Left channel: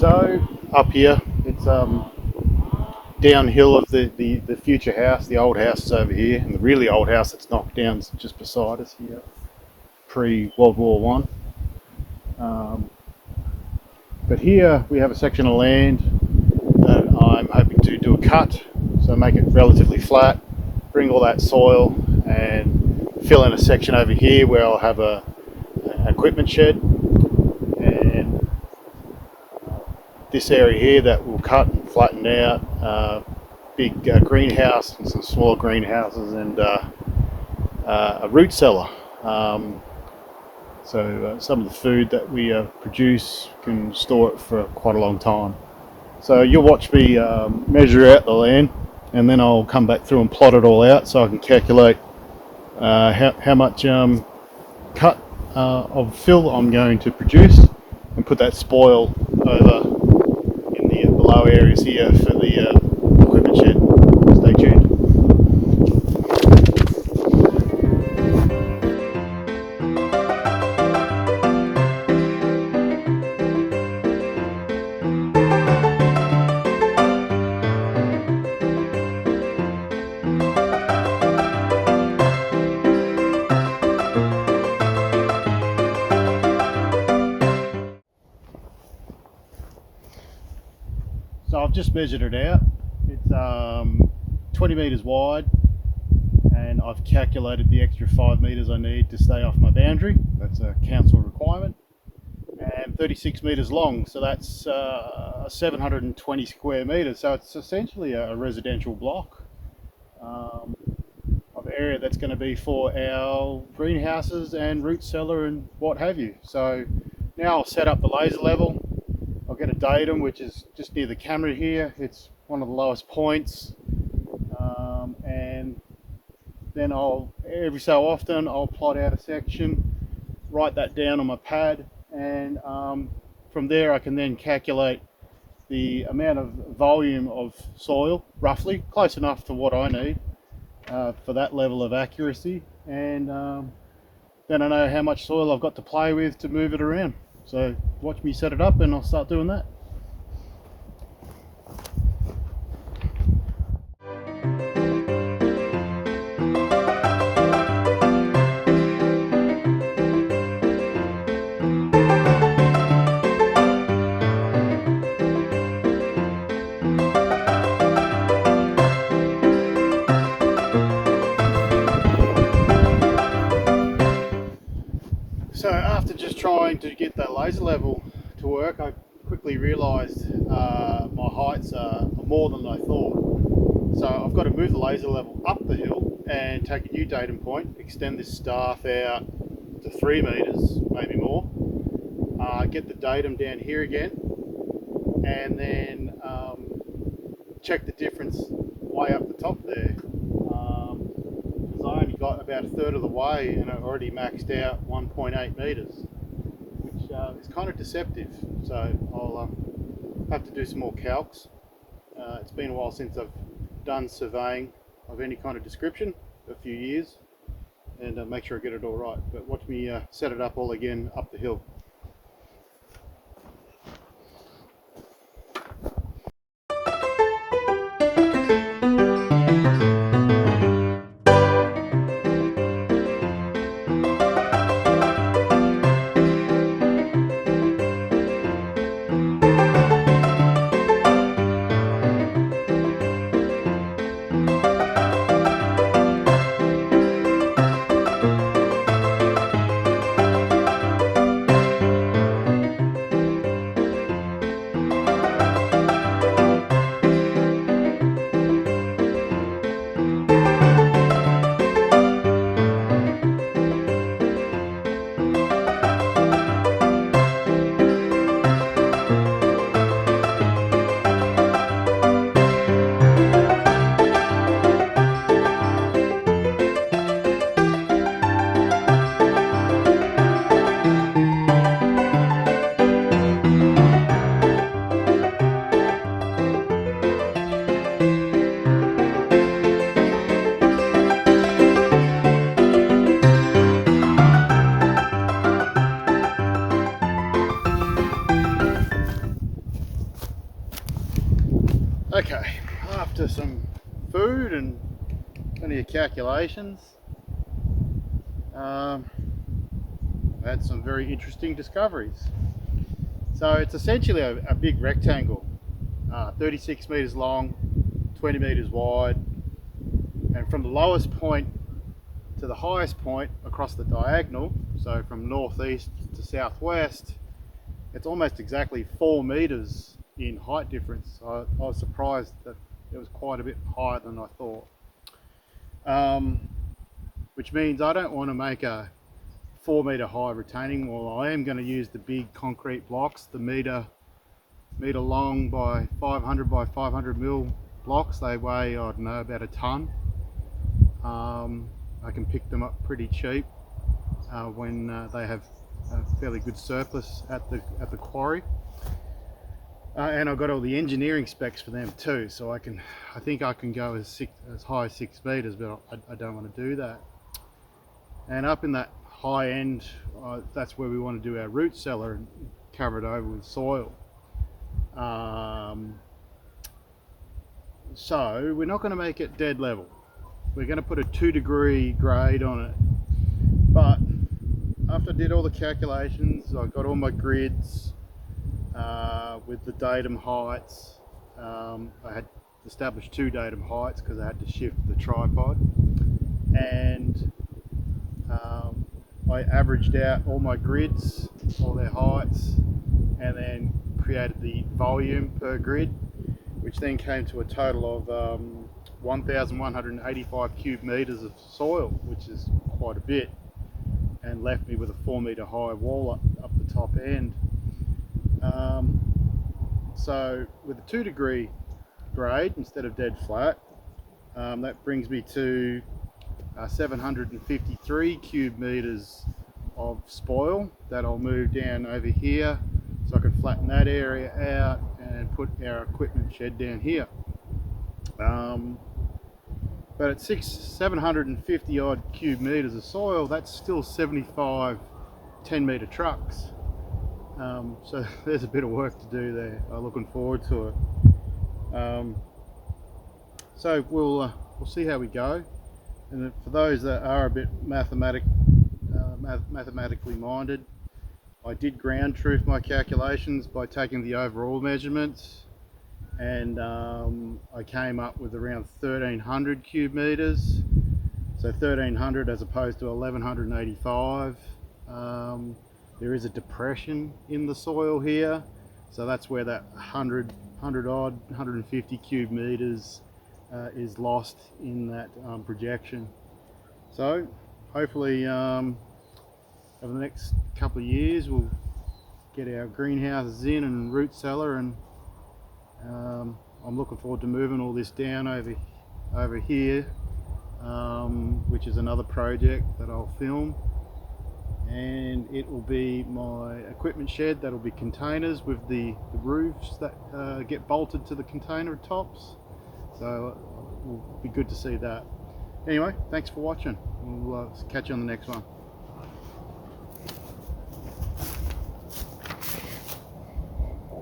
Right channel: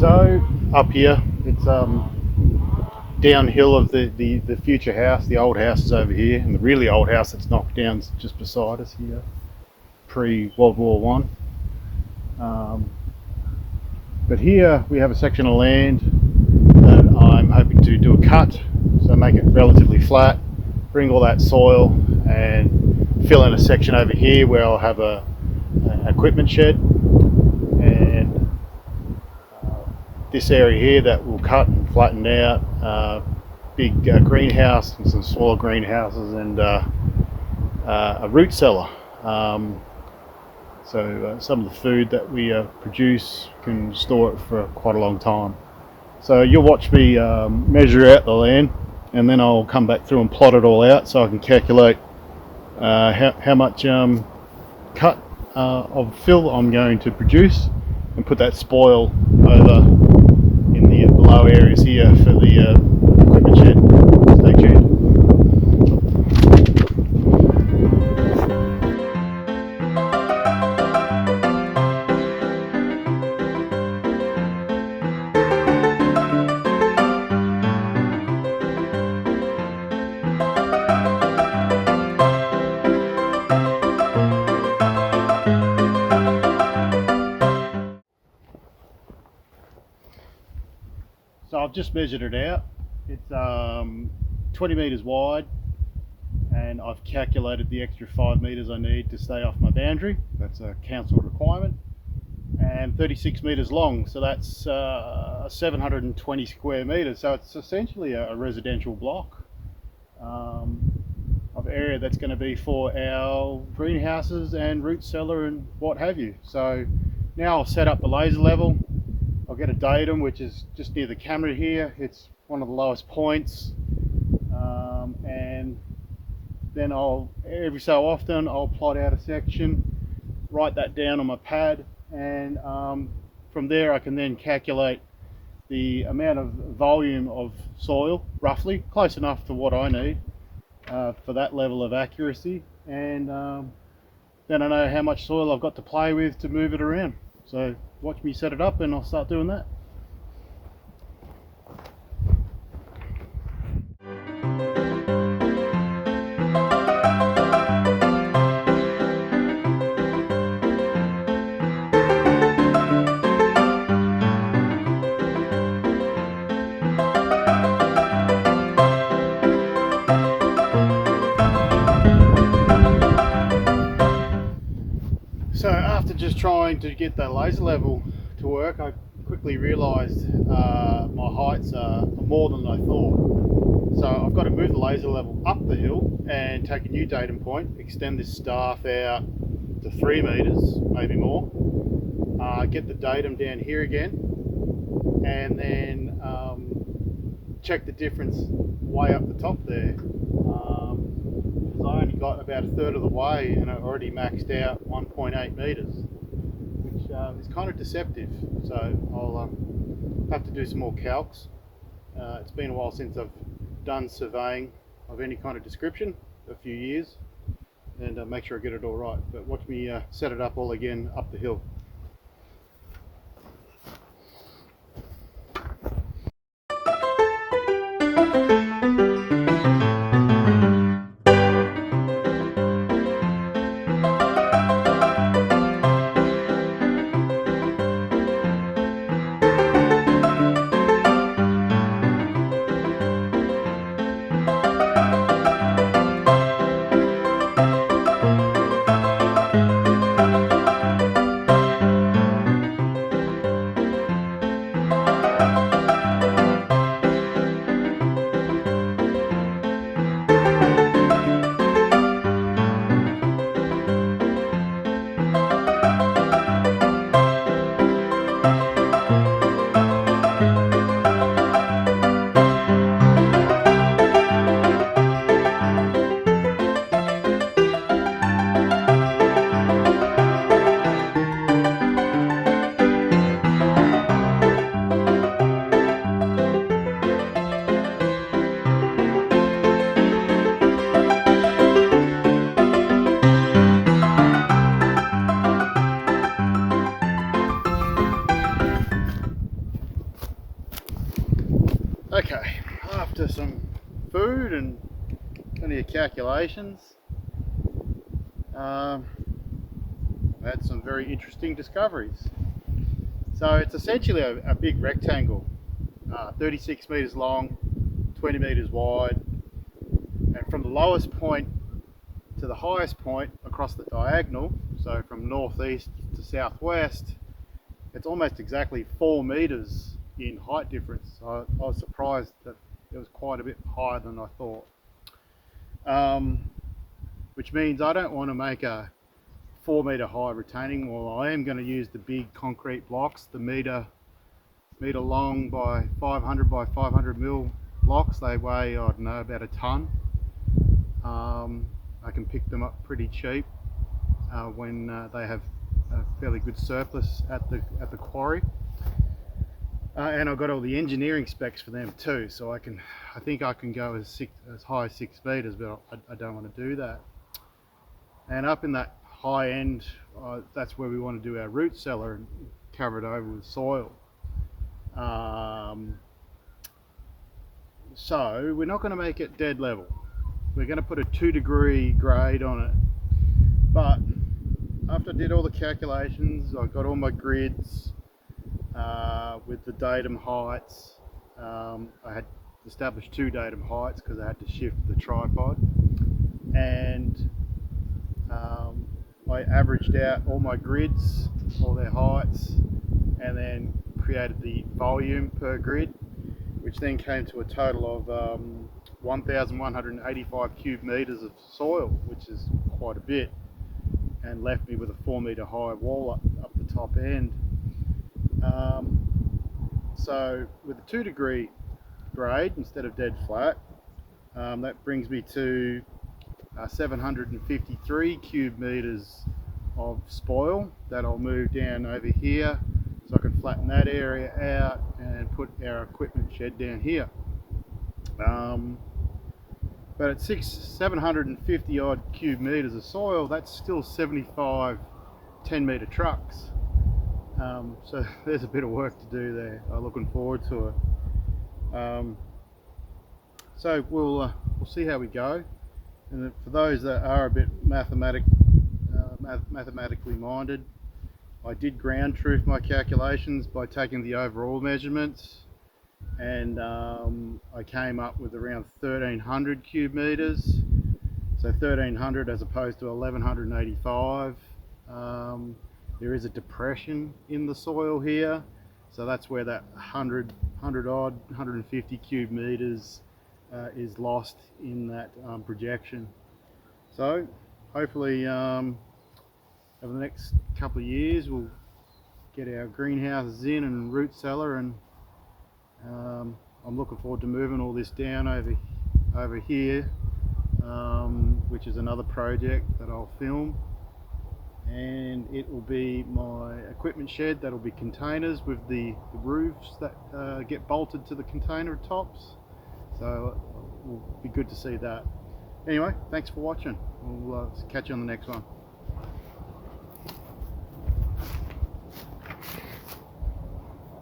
So up here, it's downhill of the future house. The old house is over here, and the really old house that's knocked down is just beside us here, pre-World War One. But here we have a section of land that I'm hoping to do a cut, so make it relatively flat, bring all that soil and fill in a section over here where I'll have an equipment shed, and this area here that will cut and flatten out, big greenhouse and some smaller greenhouses, and a root cellar. So some of the food that we produce can store it for quite a long time. So you'll watch me measure out the land, and then I'll come back through and plot it all out so I can calculate how much cut of fill I'm going to produce, and put that spoil over in the low areas here for the equipment shed. Stay tuned. So I've just measured it out. It's 20 metres wide, and I've calculated the extra 5 metres I need to stay off my boundary. That's a council requirement. And 36 metres long, so that's 720 square metres. So it's essentially a residential block of area that's going to be for our greenhouses and root cellar and what have you. So now I'll set up the laser level. I'll get a datum, which is just near the camera here. It's one of the lowest points, and then every so often I'll plot out a section, write that down on my pad, and from there I can then calculate the amount of volume of soil, roughly close enough to what I need for that level of accuracy, and then I know how much soil I've got to play with to move it around. So watch me set it up and I'll start doing that. So after just trying to get that laser level to work, I quickly realised my heights are more than I thought. So I've got to move the laser level up the hill and take a new datum point, extend this staff out to 3 metres, maybe more, get the datum down here again, and then check the difference way up the top there. I only got about a third of the way and I already maxed out 1.8 metres, which is kind of deceptive. So I'll have to do some more calcs. It's been a while since I've done surveying of any kind of description, a few years, and make sure I get it all right. But watch me set it up all again up the hill. Okay, after some food and plenty of calculations, I've had some very interesting discoveries. So it's essentially a big rectangle, 36 meters long, 20 meters wide, and from the lowest point to the highest point across the diagonal, so from northeast to southwest, it's almost exactly 4 meters in height difference. I was surprised that it was quite a bit higher than I thought. Which means I don't want to make a 4 meter high retaining wall. I am going to use the big concrete blocks, the meter long by 500 by 500 mil blocks. They weigh, I don't know, about a ton. I can pick them up pretty cheap when they have a fairly good surplus at the quarry. And I've got all the engineering specs for them too, so I think I can go as high as 6 meters, but I don't want to do that. And up in that high end, that's where we want to do our root cellar and cover it over with soil. So we're not going to make it dead level. We're going to put a 2-degree grade on it. But after I did all the calculations, I got all my grids with the datum heights. I had established 2 datum heights because I had to shift the tripod, and I averaged out all my grids, all their heights, and then created the volume per grid, which then came to a total of 1,185 cube meters of soil, which is quite a bit, and left me with a 4 meter high wall up the top end. So with a 2-degree grade instead of dead flat, that brings me to 753 cube meters of spoil that I'll move down over here, so I can flatten that area out and put our equipment shed down here. But at 750 odd cube meters of soil, that's still 75 10-meter trucks. So there's a bit of work to do there. I'm looking forward to it. So we'll see how we go. And for those that are a bit mathematically minded, I did ground truth my calculations by taking the overall measurements, and I came up with around 1,300 cube meters. So 1,300 as opposed to 1,185. There is a depression in the soil here, so that's where that 150 cube meters is lost in that projection. So hopefully over the next couple of years we'll get our greenhouses in and root cellar, and I'm looking forward to moving all this down over here, which is another project that I'll film. And it will be my equipment shed that'll be containers with the roofs that get bolted to the container tops. So it will be good to see that. Anyway, thanks for watching. We'll catch you on the next one.